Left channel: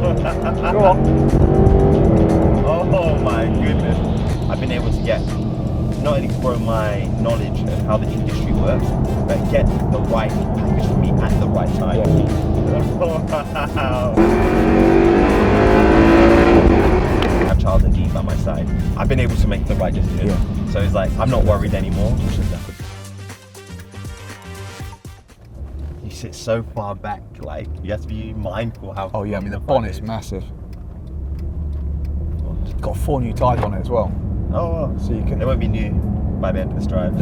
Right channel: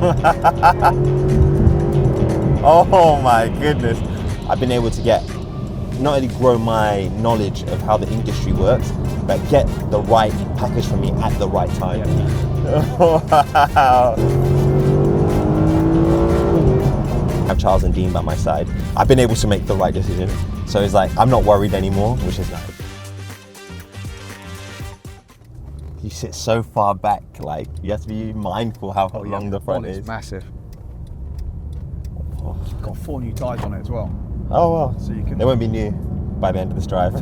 Go on. Oh my goodness. I've been able to not only grow my knowledge of how the industry works, but get the right package for me at the right time. Wow. I have Charles and Dean by my side. I've been able to make the right decision. So it's like, I'm not worried anymore, which is like, you sit so far back, like, you have to be mindful how long the front is. Massive. It's got 4 new tyres on it as well. Oh, well. So you can. They won't be new by the end of this drive.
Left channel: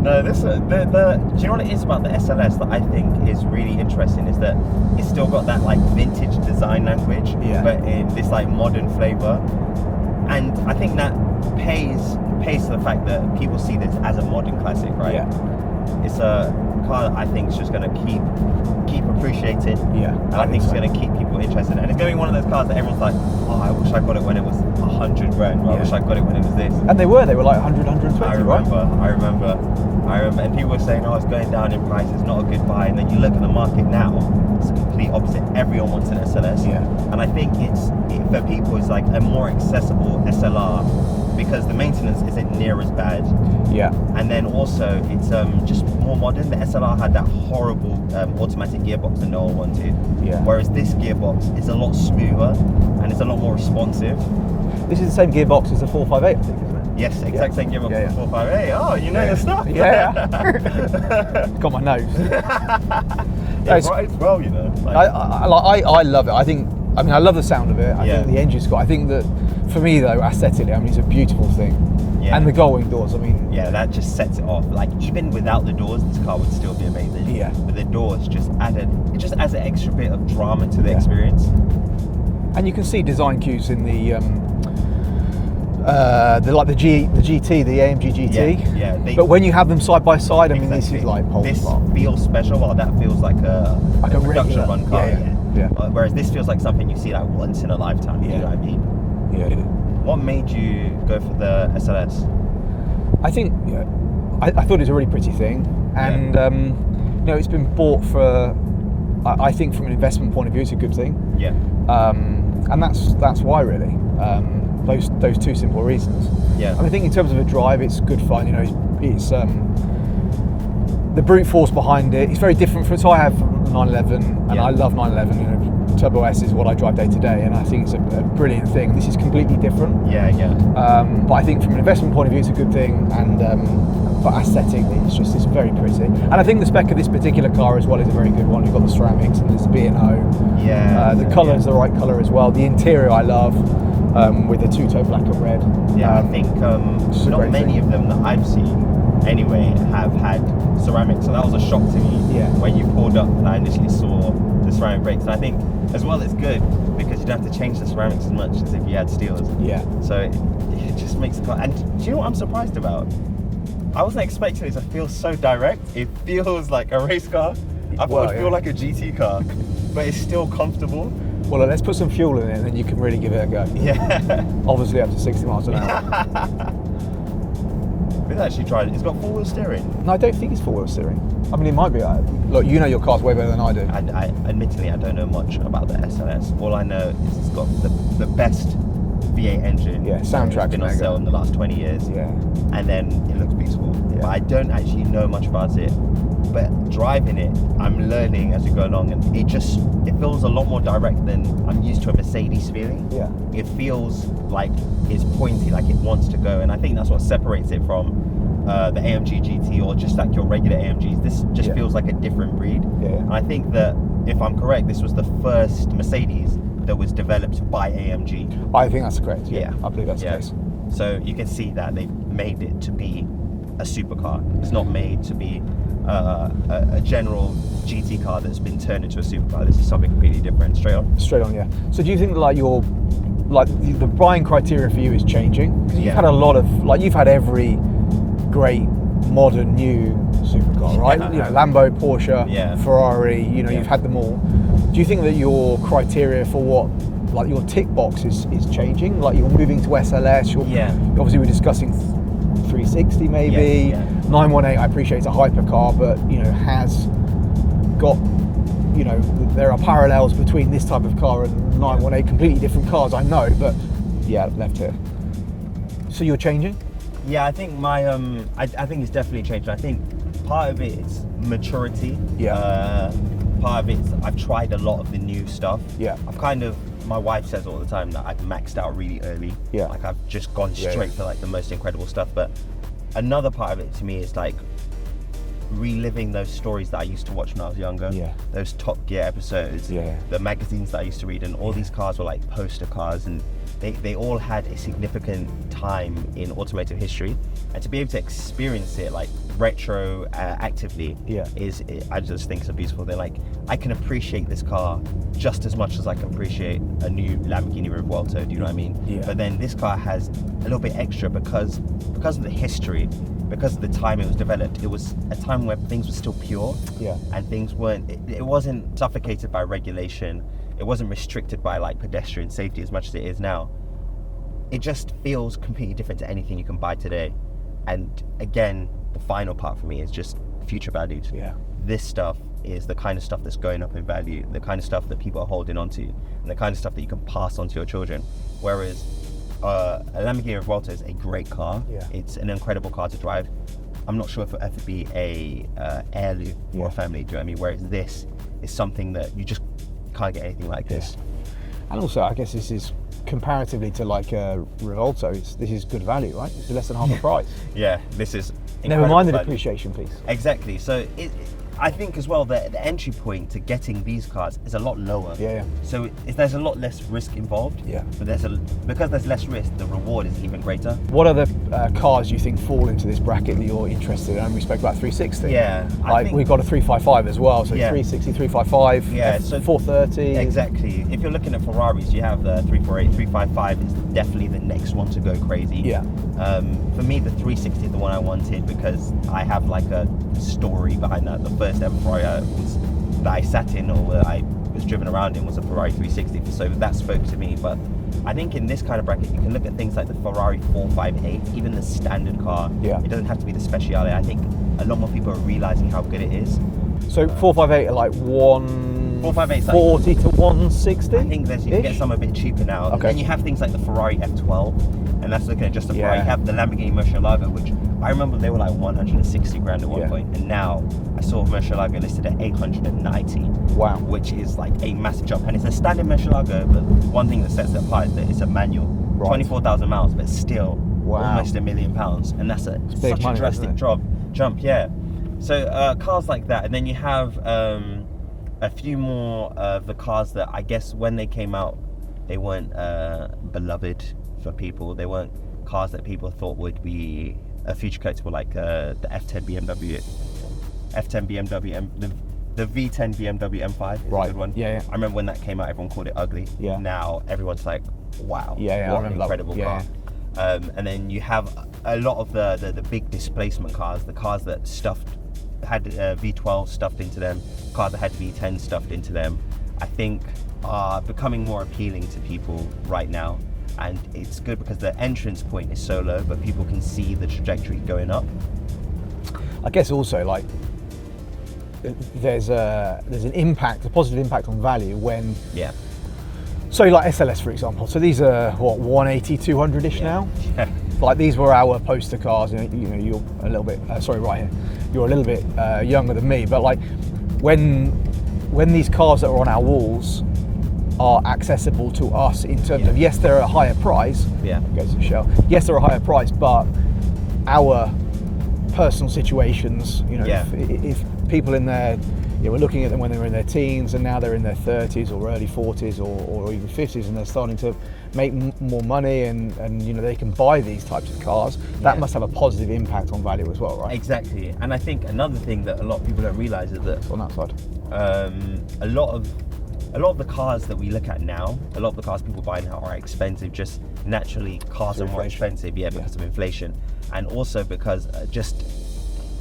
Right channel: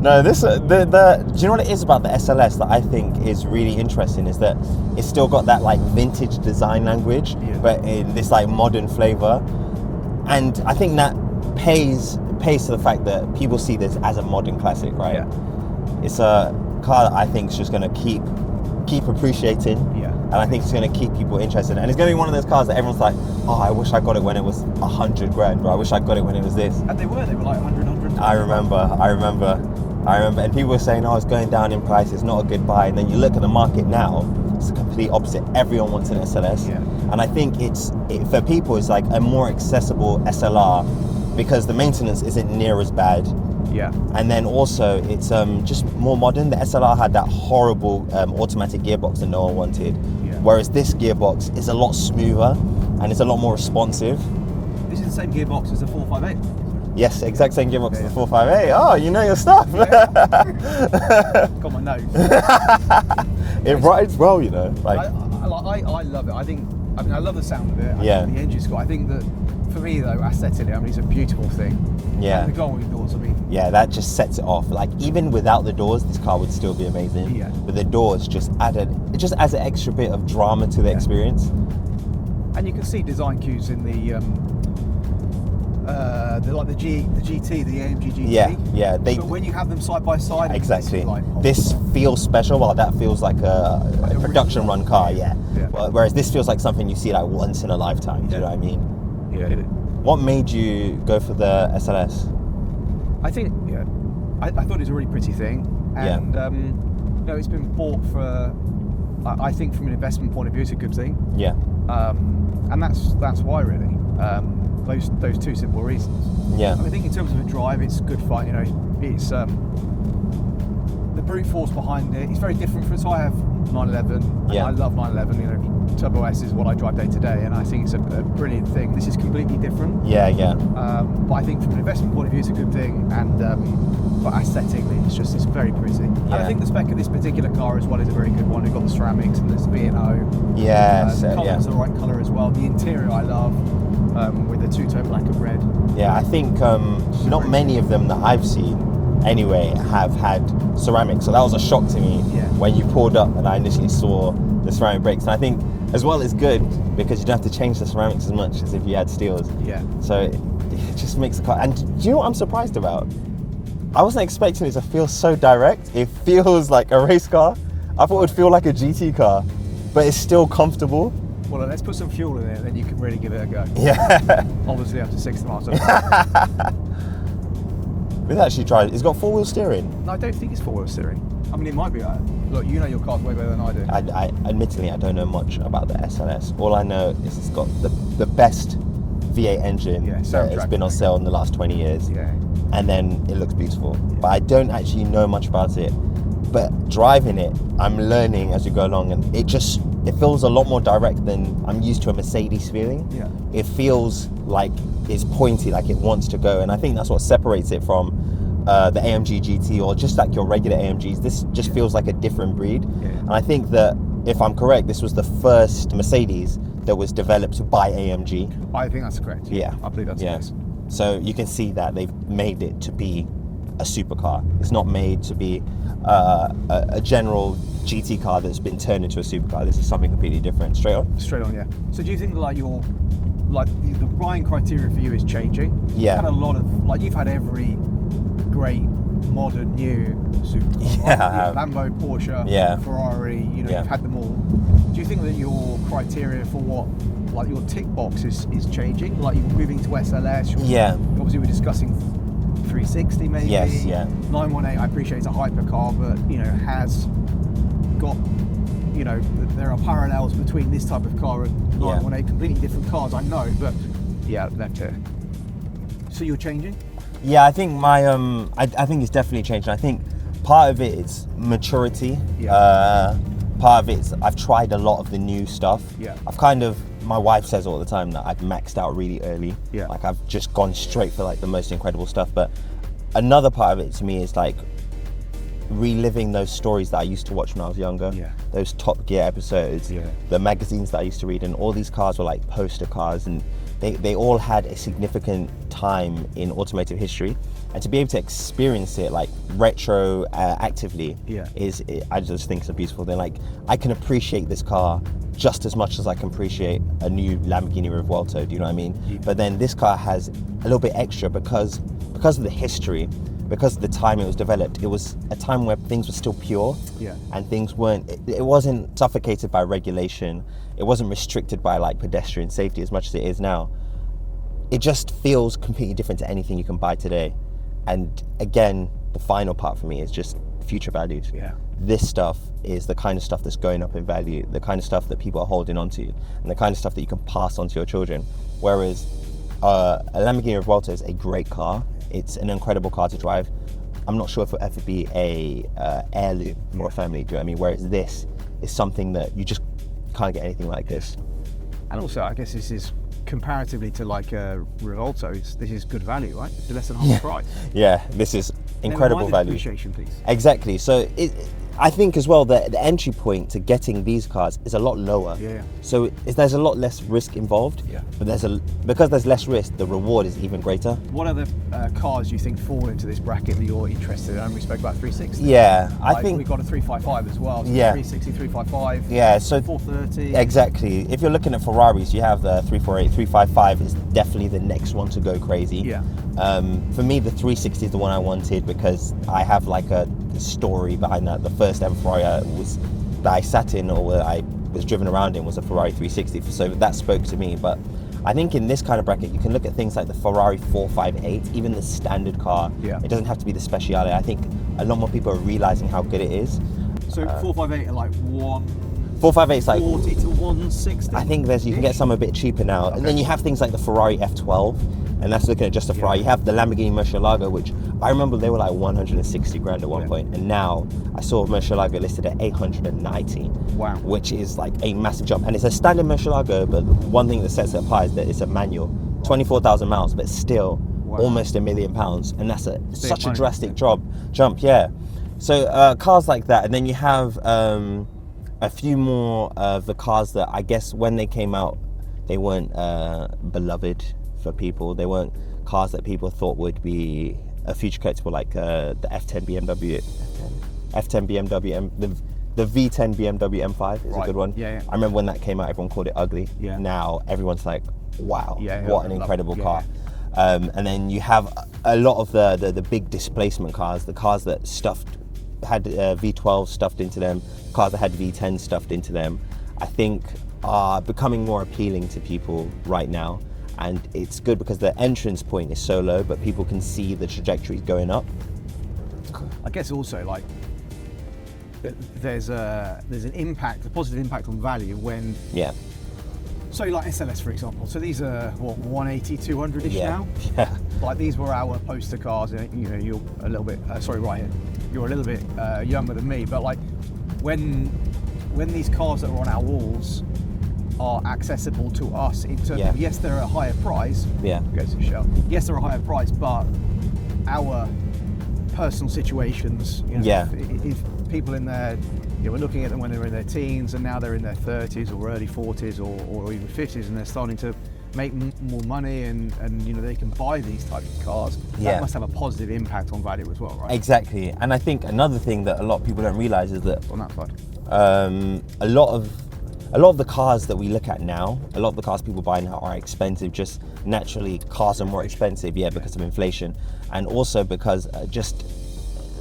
No, do you know what it is about the SLS that I think is really interesting is that it's still got that like vintage design language, but in this like modern flavor. And I think that pays to the fact that people see this as a modern classic, right? Yeah. It's a car that I think is just going to keep appreciated. Yeah. And I think it's going to keep people interested. And it's going to be one of those cars that everyone's like, oh, I wish I got it when it was 100 grand, or I wish I got it when it was this. And they were like 100, 120. I remember. And people were saying, oh, it's going down in price, it's not a good buy. And then you look at the market now, it's the complete opposite. Everyone wants an SLS. Yeah. And I think for people, it's like a more accessible SLR because the maintenance isn't near as bad. Yeah. And then also it's just more modern. The SLR had that horrible automatic gearbox that no one wanted. Yeah. Whereas this gearbox is a lot smoother and it's a lot more responsive. This is the same gearbox as the 458. Yes, exact same gearbox as the 458. Oh, you know your stuff. Yeah. Got my nose. It rides well, you know. Like, I love it. I love the sound of it. I think the engine's got. I think that for me though, aesthetically, it's a beautiful thing. Yeah. And the gull-wing doors, yeah, that just sets it off. Like even without the doors, this car would still be amazing. Yeah. But the doors just adds an extra bit of drama to the experience. And you can see design cues in the GT, the AMG GT. Yeah. But when you have them side by side, exactly. This is like this feels special, while that feels like a production run car. Yeah. Whereas this feels like something you see like once in a lifetime. You know what I mean? Yeah. What made you go for the SLS? I think I thought it was a really pretty thing, and it's been bought for. I think from an investment point of view, it's a good thing. Yeah. And that's why really. Those two simple reasons. Yeah. I think in terms of a drive, it's good fun. It's the brute force behind it. It's very different so I have 911, and I love 911. Turbo S is what I drive day to day, and I think it's a brilliant thing. This is completely different. Yeah. But I think from an investment point of view, it's a good thing, and but aesthetically, it's very pretty. And I think the spec of this particular car as well is a very good one. We've got the ceramics and there's the B&O. Yeah. The colour is the right colour as well. The interior I love. With the two-tone black and red. Yeah, I think not many of them that I've seen anyway have had ceramics, so that was a shock to me when you pulled up and I initially saw the ceramic brakes. And I think as well it's good because you don't have to change the ceramics as much as if you had steels. Yeah. So it just makes the car. And do you know what I'm surprised about? I wasn't expecting it to feel so direct. It feels like a race car. I thought it would feel like a GT car, but it's still comfortable. Well, let's put some fuel in it and then you can really give it a go. Yeah. Obviously up to 60 miles an hour. We've actually tried it. It's got four-wheel steering. No, I don't think it's four-wheel steering. It might be. Look, you know your cars way better than I do. Admittedly, I don't know much about the SLS. All I know is it's got the best V8 engine. Yeah, it's been on sale in the last 20 years. Yeah. And then it looks beautiful. Yeah. But I don't actually know much about it. But driving it, I'm learning as we go along, and it feels a lot more direct than I'm used to a Mercedes feeling. Yeah. It feels like it's pointy, like it wants to go, and I think that's what separates it from the AMG GT or just like your regular AMGs. This just feels like a different breed. Yeah. And I think that, if I'm correct, this was the first Mercedes that was developed by AMG. I think that's correct. Yeah. I believe that's the case. So you can see that they've made it to be a supercar. It's not made to be a general GT car that's been turned into a supercar. This is something completely different. Straight on, yeah. So do you think the buying criteria for you is changing? Yeah. You've had a lot of, you've had every great modern new supercar, right? Lambo, Porsche, Ferrari, you've had them all. Do you think that your criteria for what, your tick box is changing? Like you're moving to SLS, obviously we're discussing 360 maybe. 918, I appreciate it's a hypercar, but has got you know, there are parallels between this type of car and 918, completely different cars, I know, but yeah, left here. So you're changing? Yeah, I think I think it's definitely changed. I think part of it is maturity. Yeah. Part of it's I've tried a lot of the new stuff. Yeah. My wife says all the time that I've maxed out really early. Yeah. Like I've just gone straight for like the most incredible stuff. But another part of it to me is like reliving those stories that I used to watch when I was younger. Yeah. Those Top Gear episodes. Yeah. The magazines that I used to read, and all these cars were like poster cars, and they all had a significant time in automotive history. And to be able to experience it like retro actively I just think it's a beautiful thing. Like I can appreciate this car just as much as I can appreciate a new Lamborghini Revuelto, do you know what I mean? Yeah. But then this car has a little bit extra because of the history, because of the time it was developed. It was a time where things were still pure, and things weren't, it wasn't suffocated by regulation. It wasn't restricted by like pedestrian safety as much as it is now. It just feels completely different to anything you can buy today. And again, the final part for me is just future values. Yeah. This stuff is the kind of stuff that's going up in value, the kind of stuff that people are holding on to, and the kind of stuff that you can pass on to your children. Whereas a Lamborghini Revuelto is a great car. Yeah. It's an incredible car to drive. I'm not sure if it'll ever be a heirloom or a family, do you know what I mean? Whereas this is something that you just can't get anything like this. And also, I guess this is comparatively to like a Revuelto, this is good value, right? It's less than half the price. Yeah, this is incredible Never mind the value. depreciation piece. Exactly. So I think as well that the entry point to getting these cars is a lot lower. Yeah. So there's a lot less risk involved. Yeah. But because there's less risk, the reward is even greater. What other cars do you think fall into this bracket that you're interested in? And we spoke about 360. Yeah. I think we've got a 355 as well. So 360, 355. Yeah. So 430. Exactly. If you're looking at Ferraris, you have the 348, 355 is definitely the next one to go crazy. Yeah. For me, the 360 is the one I wanted because I have like a story behind that. The first ever Ferrari that I sat in or that I was driven around in was a Ferrari 360, so that spoke to me. But I think in this kind of bracket you can look at things like the Ferrari 458, even the standard car. Yeah. It doesn't have to be the Speciale. I think a lot more people are realizing how good it is. So 458 are like 458 like 40 to 160. I think you can get some a bit cheaper now. Okay. And then you have things like the Ferrari F12, and that's looking at just a Ferrari. You have the Lamborghini Murcielago, which I remember they were like 160 grand at one point, and now I saw Murcielago listed at 890. Wow. Which is like a massive jump, and it's a standard Murcielago, but one thing that sets it apart is that it's a manual, 24,000 miles, but still almost £1 million, and that's such a drastic jump. Yeah. So cars like that, and then you have a few more of the cars that I guess when they came out, they weren't beloved for people. They weren't cars that people thought would be a future collectible, like the F10 BMW, the V10 BMW M5 is a good one. Yeah. I remember when that came out, everyone called it ugly. Yeah. Now everyone's like, wow, what an incredible car. And then you have a lot of the big displacement cars, the cars that had V12 stuffed into them, cars that had V10 stuffed into them, I think are becoming more appealing to people right now. And it's good because the entrance point is so low, but people can see the trajectory going up. I guess also like there's an impact, a positive impact on value when so like SLS for example. So these are what 180, 200-ish now. Yeah. Like these were our poster cars, and you know you're a little bit right here. You're a little bit younger than me, but like when these cars that are on our walls are accessible to us in terms of, yes, they're a higher price. Yeah. Goes to show. Yes, they're a higher price, but our personal situations, you know, if people in there, you know, we're looking at them when they were in their teens and now they're in their 30s or early 40s or even 50s, and they're starting to make more money and you know they can buy these types of cars. That must have a positive impact on value as well, right? Exactly. And I think another thing that a lot of people don't realize is that on that side, a lot of the cars that we look at now, a lot of the cars people buy now are expensive. Just naturally, cars are more expensive, because of inflation, and also because just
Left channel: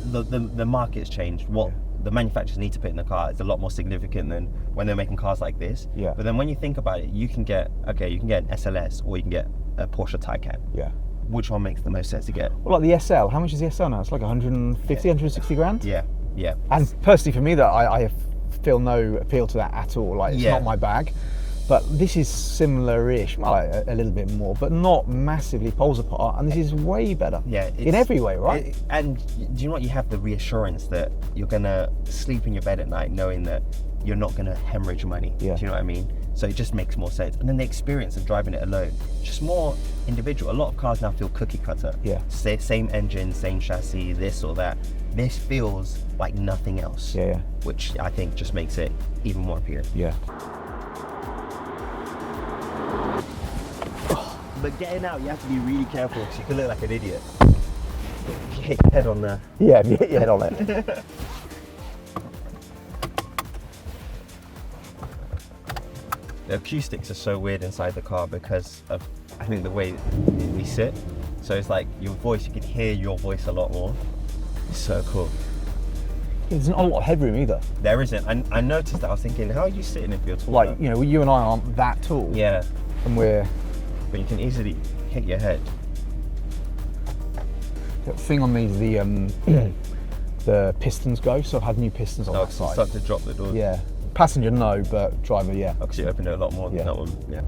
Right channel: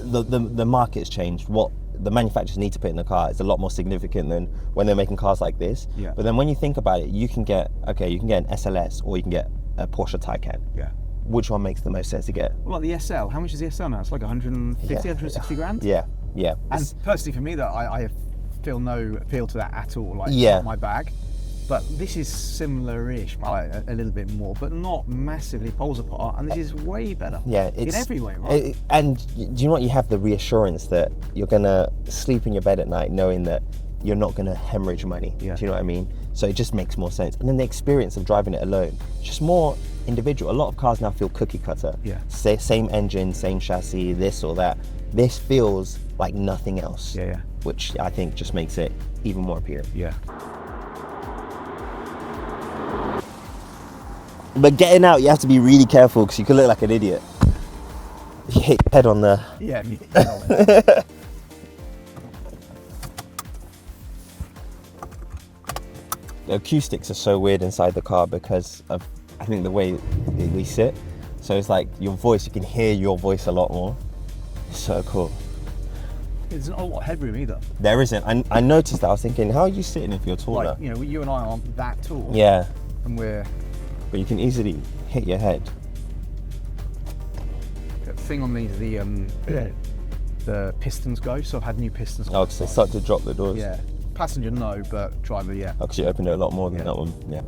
the market's changed. What the manufacturers need to put in the car is a lot more significant than when they're making cars like this. Yeah. But then when you think about it, you can get an SLS or you can get a Porsche Taycan. Yeah. Which one makes the most sense to get? Well, like the SL, how much is the SL now? It's like 150, 160 grand? Yeah. Yeah. And personally for me, that I feel no appeal to that at all. Like, it's not my bag. But this is similar-ish, like a little bit more, but not massively poles apart. And this is way better. Yeah, in every way, right? And do you know what? You have the reassurance that you're gonna sleep in your bed at night knowing that you're not gonna hemorrhage money. Yeah. Do you know what I mean? So it just makes more sense. And then the experience of driving it alone, just more individual. A lot of cars now feel cookie cutter. Yeah. Same engine, same chassis, this or that. This feels like nothing else. Yeah. Which I think just makes it even more appealing. Yeah. But getting out, you have to be really careful because you could look like an idiot. You hit your head on the... Yeah, hit your head on it. The acoustics are so weird inside the car because of, I think, the way we sit. So it's like your voice, you can hear your voice a lot more. It's so cool. There's not a lot of headroom either. There isn't. I noticed that. I was thinking, how are you sitting if you're taller? Like, you know, you and I aren't that tall. Yeah. And we're... But you can easily hit your head. The thing on these, the pistons go, so I've had new pistons on Oh, that because side. it's start to drop the doors. Yeah. Passenger, no, but driver, yeah. Oh, because you opened it a lot more than that one. Yeah.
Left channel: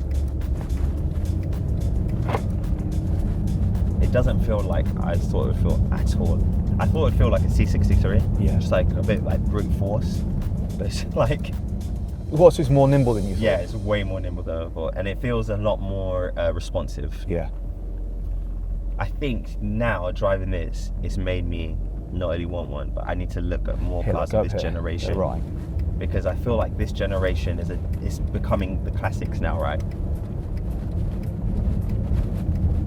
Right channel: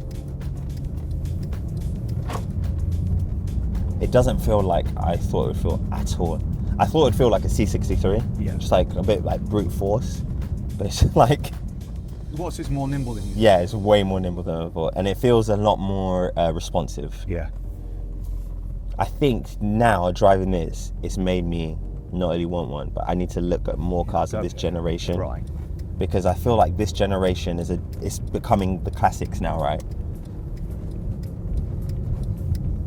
It doesn't feel like I thought it would feel at all. I thought it would feel like a C63. Yeah. Just like a bit like brute force. But it's like... What's it's more nimble than you? Yeah, it's way more nimble than I thought. And it feels a lot more responsive. Yeah. I think now driving this, it's made me not only want one, but I need to look at more cars of this generation. Right. Because I feel like this generation is becoming the classics now, right?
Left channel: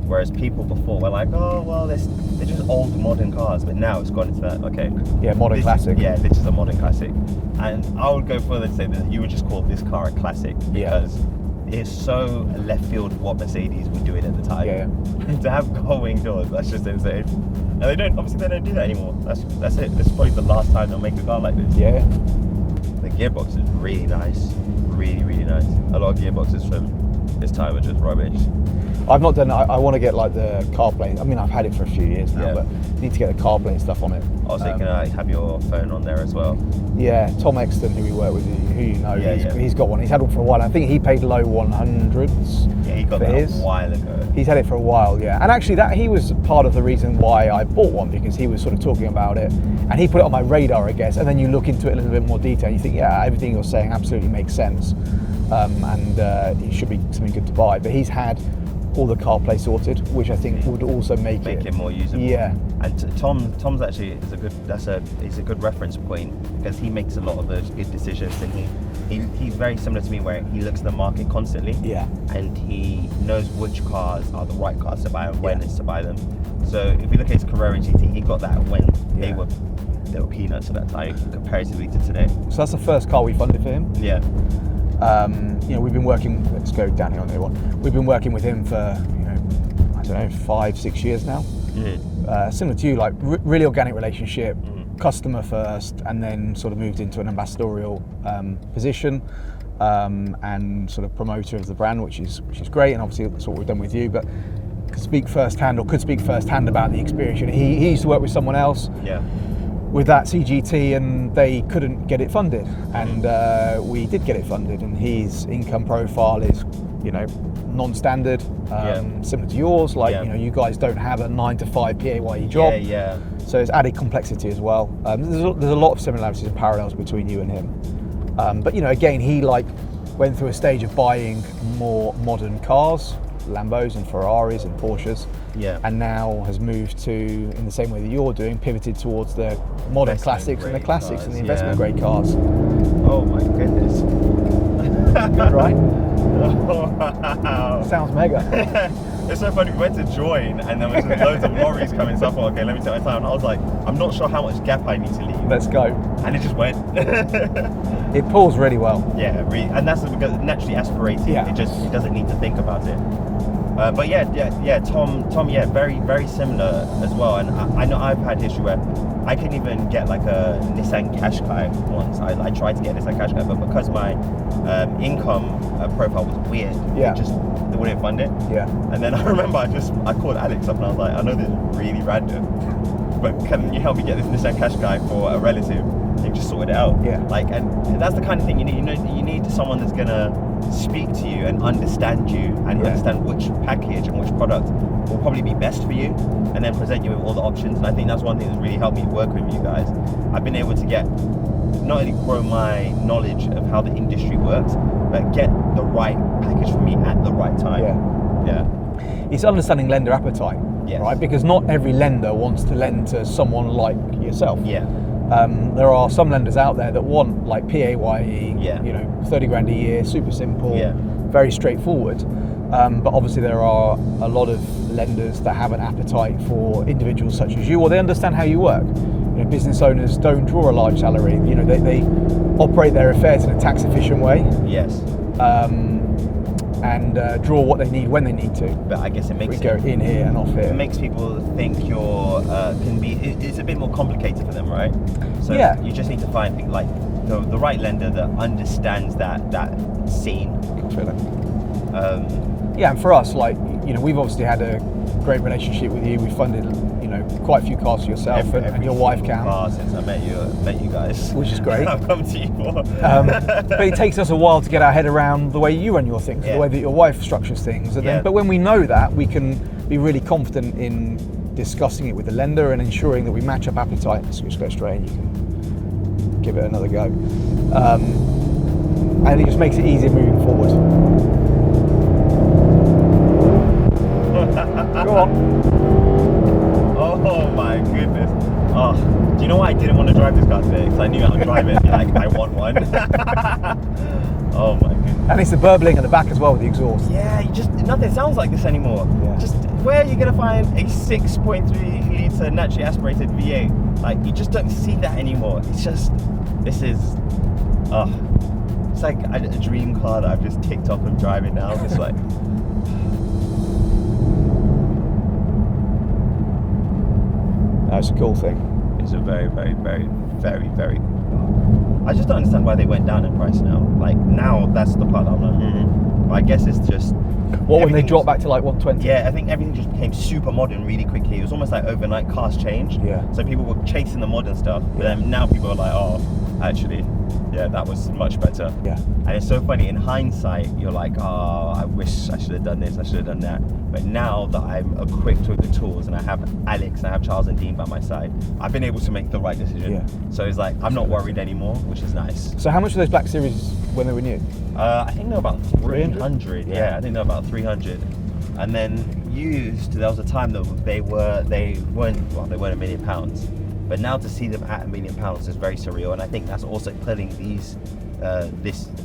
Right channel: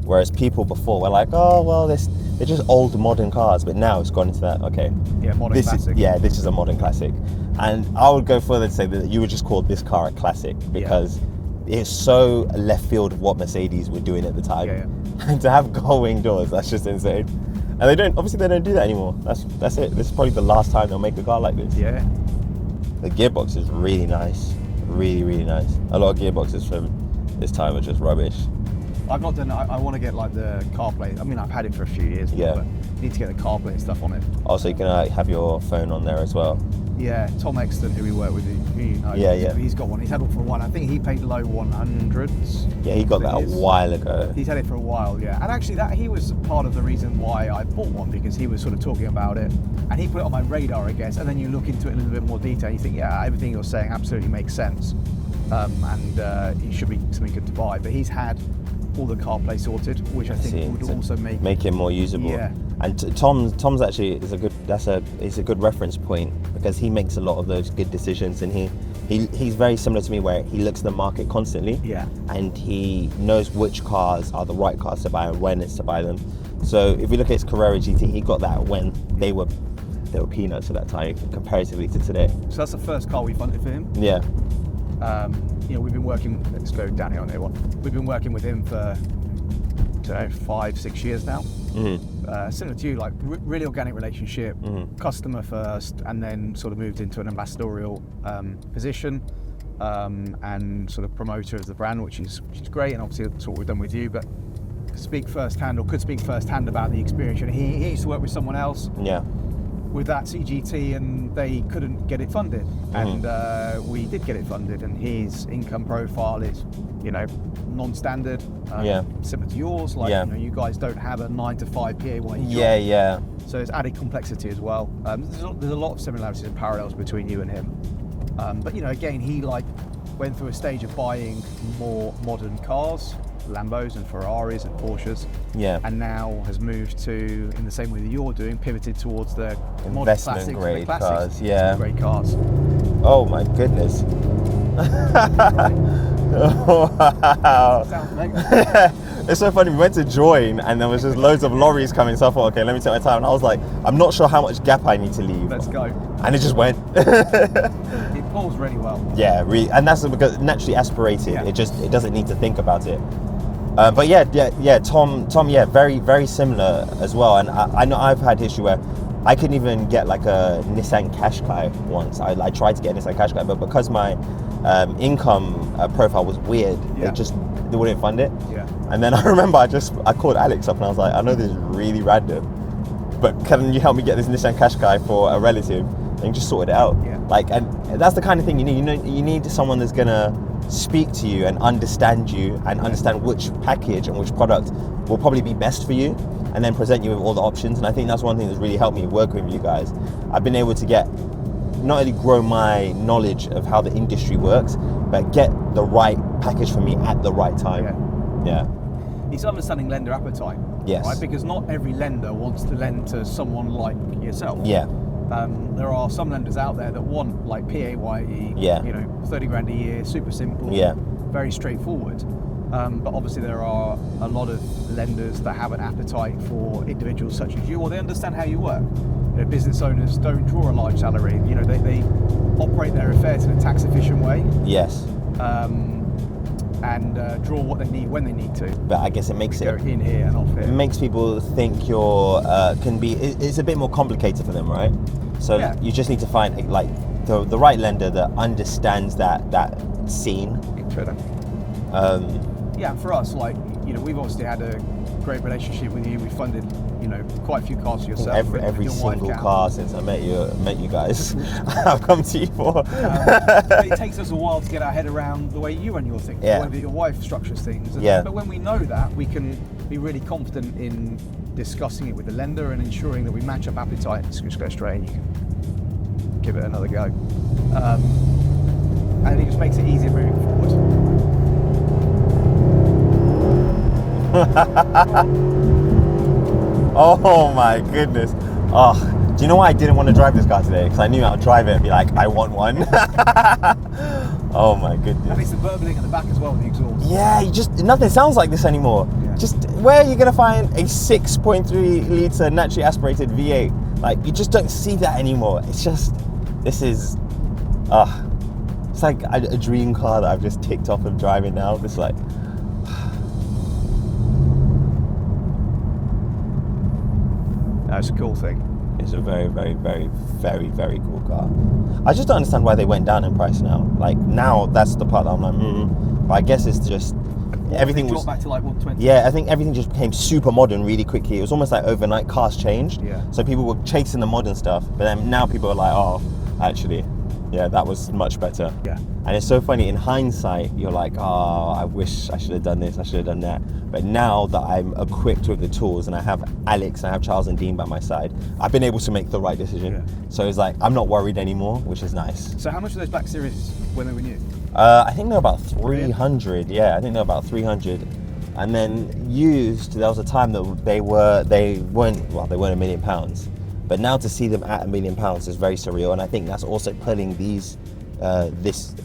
Whereas people before were like, oh, well, they're just old modern cars, but now it's gone into that, okay. Yeah, modern classic. This is a modern classic. And I would go further to say that you would just call this car a classic because it's so left field of what Mercedes were doing at the time. Yeah. And to have gull-wing doors, that's just insane. And they don't do that anymore. That's it. It's probably the last time they'll make a car like this. Yeah. The gearbox is really nice. Really, really nice. A lot of gearboxes from this time are just rubbish. I've not done it. I want to get like the CarPlay. I mean, I've had it for a few years now, but need to get the CarPlay and stuff on it. Also, you can have your phone on there as well. Yeah, Tom Exton, who we work with, who you know, he's got one. He's had one for a while. I think he paid low 100s. Yeah, he got that a while ago. He's had it for a while, yeah. And actually, he was part of the reason why I bought one, because he was sort of talking about it, and he put it on my radar, I guess. And then you look into it in a little bit more detail, and you think, yeah, everything you're saying absolutely makes sense, and it should be something good to buy. But he's had all the CarPlay sorted, which I think would also make it more usable. Yeah. And Tom's actually is a good reference point because he makes a lot of those good decisions, and he's very similar to me where he looks at the market constantly. Yeah. And he knows which cars are the right cars to buy and when it's to buy them. So if you look at his Carrera GT, he got that when they were peanuts at that time comparatively to today. So that's the first car we funded for him. Yeah. You know, we've been working. Let's go down here on the one. We've been working with him for, I don't know, 5-6 years now. Similar to you, like really organic relationship, customer first, and then sort of moved into an ambassadorial position and sort of promoter of the brand, which is great. And obviously that's what we've done with you. But could speak firsthand about the experience. You know, he used to work with someone else. Yeah. With that CGT, and they couldn't get it funded, and we did get it funded, and his income profile is, non-standard, similar to yours. Like, you guys don't have a 9-to-5 PAYE job. Yeah. So it's added complexity as well. There's a lot of similarities and parallels between you and him. But again, he went through a stage of buying more modern cars, Lambos and Ferraris and Porsches, and now has moved to, in the same way that you're doing, pivoted towards the modern classics and the classics and the investment grade cars. Oh my goodness. Right? Oh, wow. Sounds mega. It's so funny, we went to join and there was just loads of lorries coming, so I thought, okay, let me take my time. And I was like, I'm not sure how much gap I need to leave. Let's go. And it just went. It pulls really well. Yeah, and that's because naturally aspirating. Yeah. It doesn't need to think about it. But Tom, very, very similar as well. And I know I've had issue where I couldn't even get like a Nissan Qashqai once. I tried to get a Nissan Qashqai, but because my income profile was weird, they wouldn't fund it. Yeah. And then I remember I called Alex up and I was like, I know this is really random, but can you help me get this Nissan Qashqai for a relative? and just sort it out. Yeah. Like, and that's the kind of thing you need. You need someone that's gonna speak to you and understand you and understand which package and which product will probably be best for you, and then present you with all the options. And I think that's one thing that's really helped me work with you guys. I've been able to not only grow my knowledge of how the industry works, but get the right package for me at the right time. Yeah. It's understanding lender appetite. Yes. Right? Because not every lender wants to lend to someone like yourself. Yeah. There are some lenders out there that want like PAYE, 30 grand a year, super simple, very straightforward. But obviously there are a lot of lenders that have an appetite for individuals such as you, or they understand how you work. Business owners don't draw a large salary. They operate their affairs in a tax efficient way. Yes. And draw what they need when they need to. But I guess it makes go in here and off here. It makes people think you're it's a bit more complicated for them, right? So you just need to find like the right lender that understands that scene. And for us, like we've obviously had a great relationship with you. We funded quite a few cars for yourself and your wife can. Car since I met you guys, which is great. I've come to you for. But it takes us a while to get our head around the way you run your things, the way that your wife structures things. But when we know that, we can be really confident in discussing it with the lender and ensuring that we match up appetite. Let's go straight and you can give it another go. And it just makes it easier moving forward. Go on. Oh my goodness. Oh, do you know why I didn't want to drive this car today? Because I knew I would drive it and be like, I want one. Oh my goodness. And it's the burbling at the back as well with the exhaust. Yeah, nothing sounds like this anymore. Yeah. Just where are you going to find a 6.3 litre naturally aspirated V8? Like, you just don't see that anymore. It's just, it's like a dream car that I've just ticked off of driving now. It's like, that's a cool thing. It's a very, very, very, very, very cool car. I just don't understand why they went down in price now. Like, now that's the part that I'm not. I guess it's just everything dropped back to like 120. Yeah, I think everything just became super modern really quickly. It was almost like overnight cars changed. Yeah. So people were chasing the modern stuff, but then now people are like, oh, actually, yeah, that was much better. Yeah. And it's so funny, in hindsight, you're like, oh, I wish I should have done this, I should have done that. But now that I'm equipped with the tools and I have Alex, I have Charles and Dean by my side, I've been able to make the right decision. Yeah. So it's like, I'm not worried anymore, which is nice. So how much were those Black Series when they were new? I think they're about 300. Yeah, I think they're about 300. And then used, there was a time that they weren't £1 million. But now to see them at £1 million is very surreal. And I think that's also putting this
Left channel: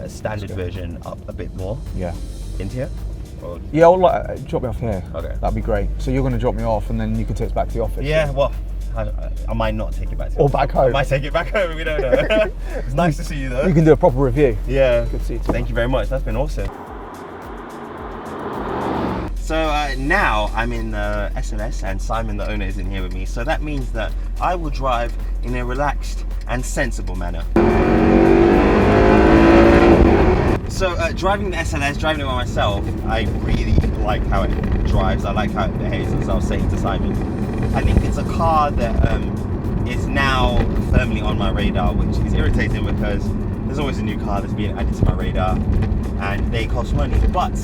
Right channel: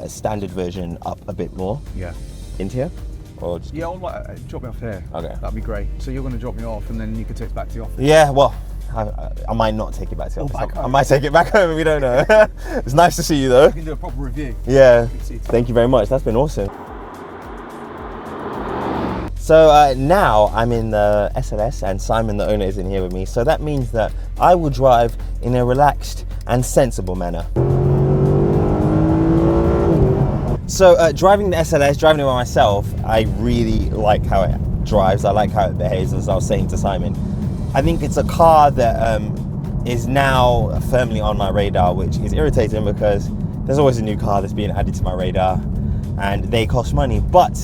standard version up a bit more. Yeah. Into here? Or I'll drop me off here. Okay. That'd be great. So you're going to drop me off and then you can take it back to the office? Yeah, well, I might not take it back to the office. Or back home. I might take it back home, we don't know. It's nice to see you though. You can do a proper review. Yeah. Good to see you. Thank you very much. That's been awesome. So now I'm in the SLS and Simon, the owner, is in here with me. So that means that I will drive in a relaxed and sensible manner. So driving the SLS, driving it by myself, I really like how it drives. I like how it behaves, as I was saying to Simon. I think it's a car that is now firmly on my radar, which is irritating because there's always a new car that's being added to my radar and they cost money. But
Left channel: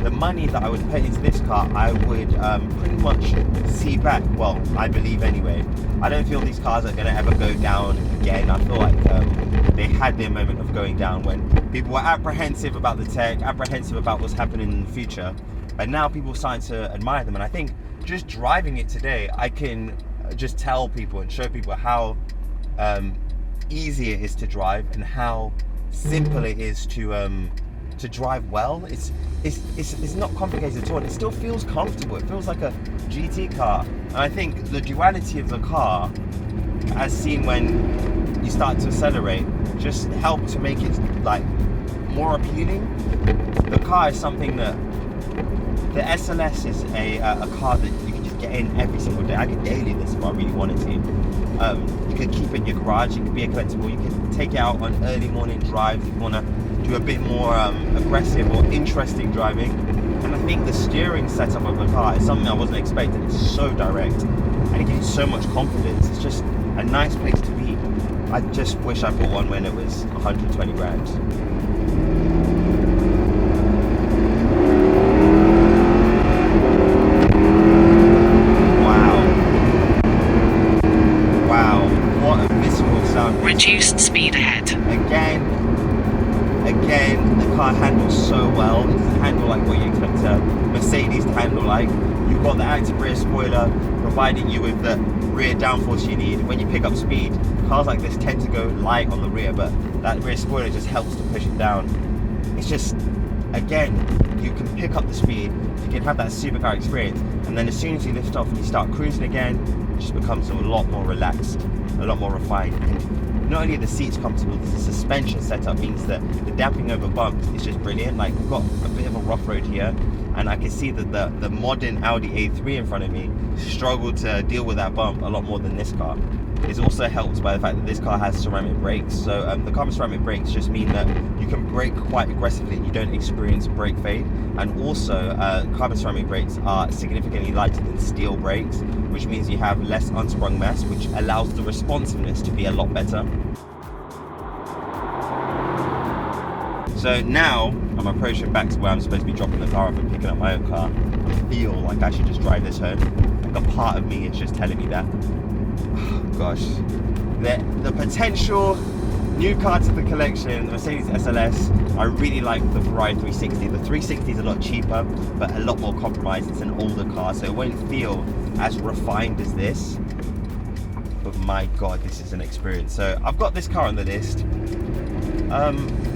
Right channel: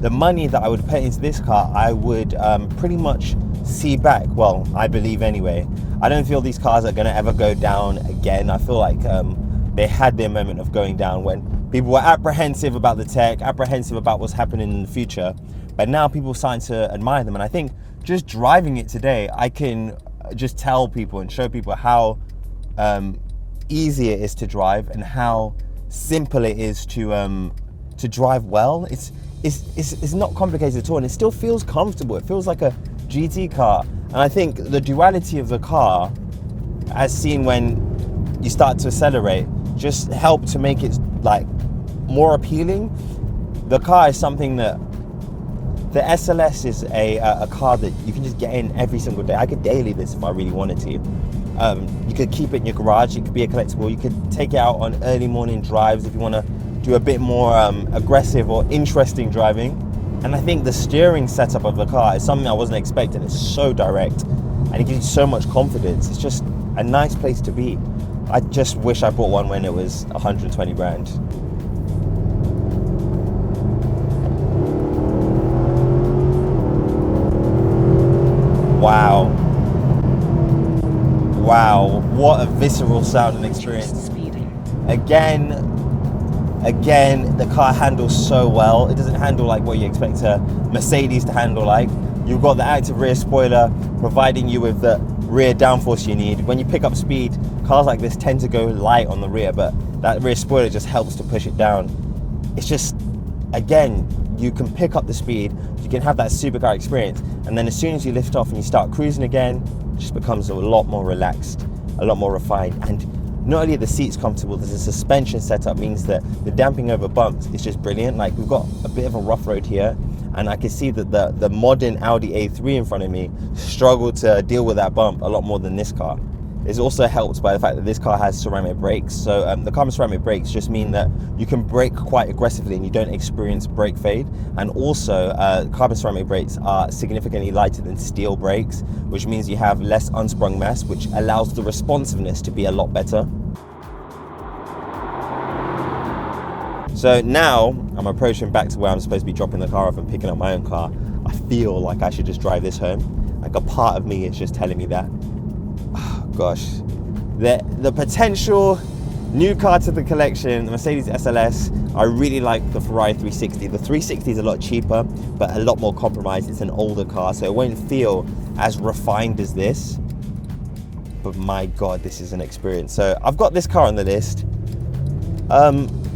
the money that I would put into this car, I would pretty much see back. Well, I believe anyway. I don't feel these cars are going to ever go down again. I feel like they had their moment of going down when people were apprehensive about the tech, apprehensive about what's happening in the future. But now people are starting to admire them. And I think just driving it today, I can just tell people and show people how easy it is to drive and how simple it is to drive well. It's not complicated at all, and it still feels comfortable. It feels like a GT car. And I think the duality of the car, as seen when you start to accelerate, just help to make it like more appealing. The car is something that the SLS is a car that you can just get in every single day. I could daily this if I really wanted to. You could keep it in your garage. It could be a collectible. You could take it out on early morning drives if you want to do a bit more aggressive or interesting driving. And I think the steering setup of the car is something I wasn't expecting. It's so direct and it gives you so much confidence. It's just a nice place to be. I just wish I bought one when it was 120 grand. Wow, what a visceral sound. Reduced speed ahead. Again, the car handles so well. It doesn't handle like what you expect a Mercedes to handle like. You've got the active rear spoiler providing you with the rear downforce you need. When you pick up speed, cars like this tend to go light on the rear, but that rear spoiler just helps to push it down. It's just, again, you can pick up the speed, you can have that supercar experience, and then as soon as you lift off and you start cruising again, it just becomes a lot more relaxed, a lot more refined. And not only are the seats comfortable, the suspension setup means that the damping over bumps is just brilliant. Like, we've got a bit of a rough road here, and I can see that the modern Audi A3 in front of me struggled to deal with that bump a lot more than this car. It's also helped by the fact that this car has ceramic brakes. So the carbon ceramic brakes just mean that you can brake quite aggressively and you don't experience brake fade. And also carbon ceramic brakes are significantly lighter than steel brakes, which means you have less unsprung mass, which allows the responsiveness to be a lot better. So now I'm approaching back to where I'm supposed to be dropping the car off and picking up my own car. I feel like I should just drive this home. Like, a part of me is just telling me that. Gosh, the potential new car to the collection, the Mercedes SLS. I really like the Ferrari 360. The 360 is a lot cheaper, but a lot more compromised. It's an older car, so it won't feel as refined as this. But my God, this is an experience. So I've got this car on the list.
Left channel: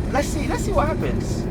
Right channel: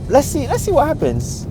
Let's see what happens.